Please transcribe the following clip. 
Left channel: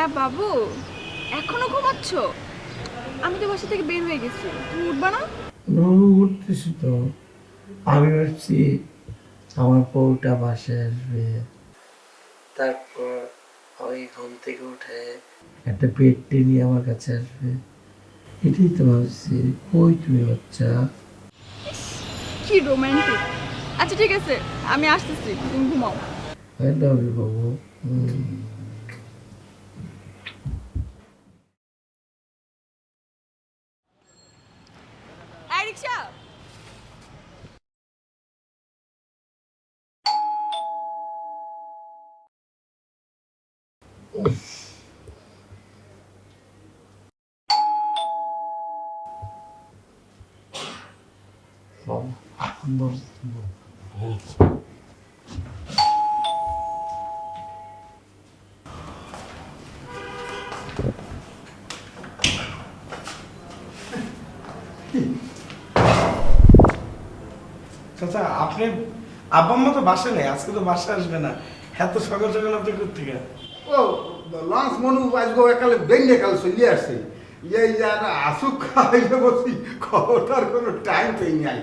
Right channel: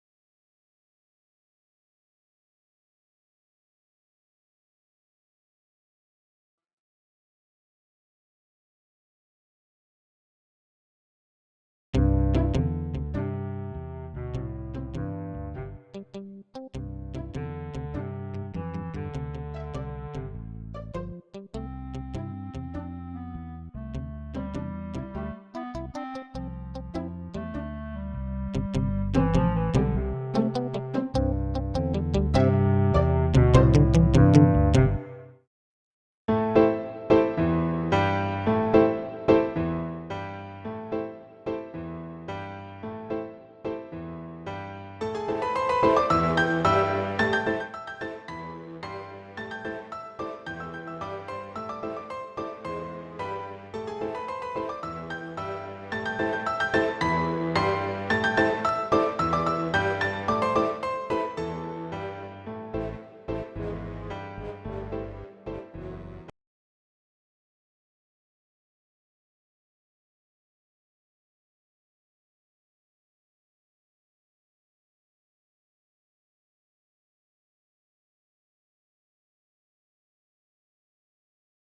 হ্যাঁ বাবু, এখনো ঘুমাচ্ছ? আমি তো বাসা থেকে বের হয়ে গেছি, তুমি উঠবা না? উঠতেছি তো। আমি ভাবছি আমার বউটা বাসায় আসবে, তারপর ওই ঘুম থেকে উঠে একটা পেট্টি নিয়ে আমার কাছে আসবে। এটাই তো ভাবছি। কই তুমি বাচ্চা? কি রোমান্টিক। আচ্ছা ঠিক আছে, আমি আসতেছি, তুমি ঘুমাও। আই লাভ ইউ বাবু। এই রিকশা! চাচা আপনি আব্বা আম্মা তো বাসায় নেই, আজকে তো বাসায় আসবে না। এত সকাল সকাল আপনি কোথেকে? ও লঞ্চ মনু আজকে একালে বেঙ্গে কাল চলি আসছে এই যে আসুক খাইলে বসি খবরটার কোনো টাইম পেয়ে নাই